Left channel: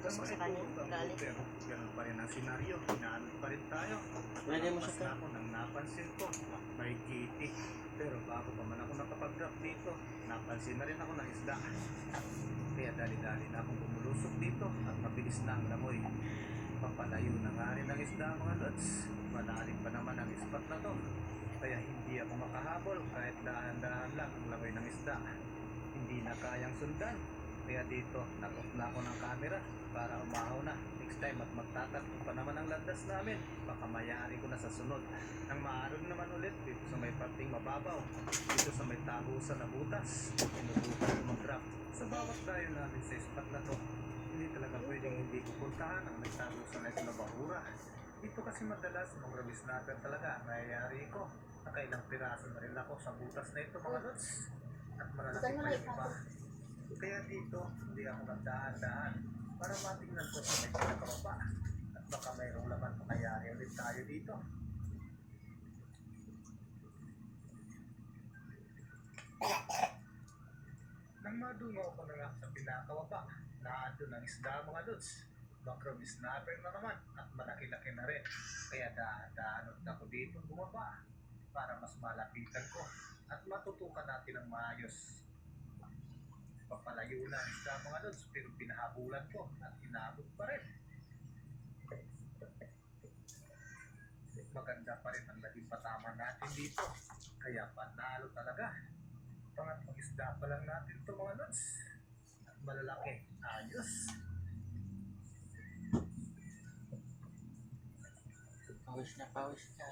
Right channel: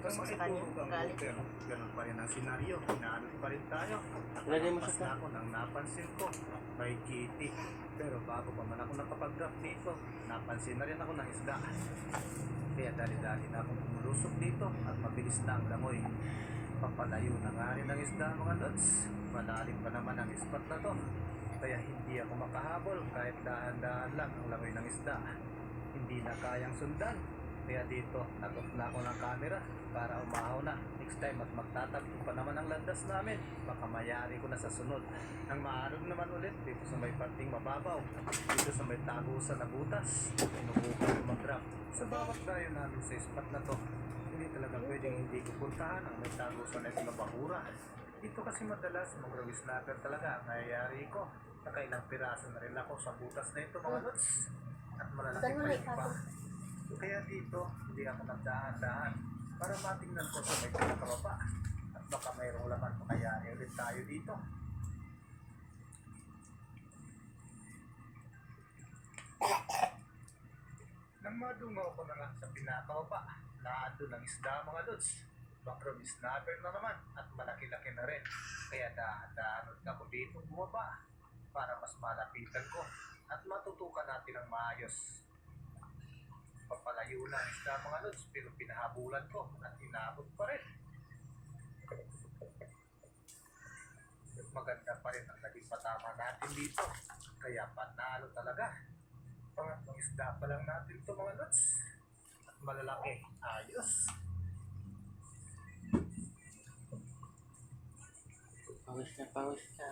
utos ko sa kanya. Galit. Pero ganun pa rin ang senaryo. Inaanod pa rin tayo. Lagay mo Mas siya na ako nang napansin ko. May kitty. Pero bago pa man ako nakapag-drop dito, napansin na rin ako ng isda. Kaya dali-dali na akong bumulusok dito at mabilis na ang langoy. Papalayo na nga rin ang isda mga lods. Malalim pa naman ang spot na to. Kaya hindi ako makahabol kahit dahan-dahan lang ang langoy ng isda. Hindi na kayang sundan. Kaya dito, nag-off na ako ng camera para umahaw na. Next time at magtatagpo pa naman ang landas namin. Baka mayari ko na sa sunod. Nang maarog naman ulit dito sa may parting mababaw. Dito sa may tabusan na butas. Inubukan ko mag-drop. Sa bawat dayo namin sa spot na to, hindi talaga pwedeng hindi ko puntahan ang may tabusan na ito na bahura. Dito kasi madalas mga rawi snapper talaga ang nangyayari ko. Nakailang piraso na rin ako sa butas na ito mga lods. At malalaki pa yung iba. Kaya dito, hindi ako nagdahan-dahan para matingnan ko sa may pinakababa. At baka mayroong laman makayari ulit tayo dito. Nang madungaw ko na nga sa pinakababa, naandun ang isda mga lods. Backroom snapper na naman at malaki-laki na rin. Kaya dahan-dahanod ako dito bumaba para mas malapitan ko at matutukan natin ang maayos. Papalayo na ang isda mga lods pero pinahabulan ko at inabot pa rin. Maganda pa rin ang naging patama natin dito. Kaya panalo talaga. Pangatlong isda pa lang natin ito mga lods. At malalaki. Ayos. Pawis na pawis ka.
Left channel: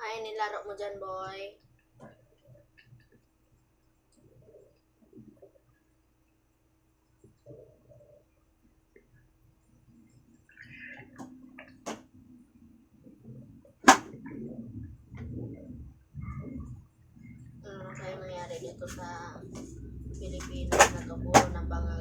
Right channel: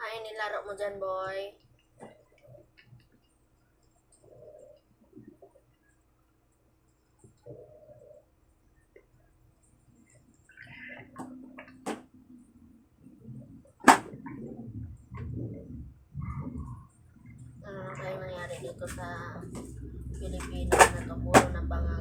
Ay, nilaro mo dyan, boy. Ano na kayo nangyari dito sa Pilipinas na to? Puro na bangang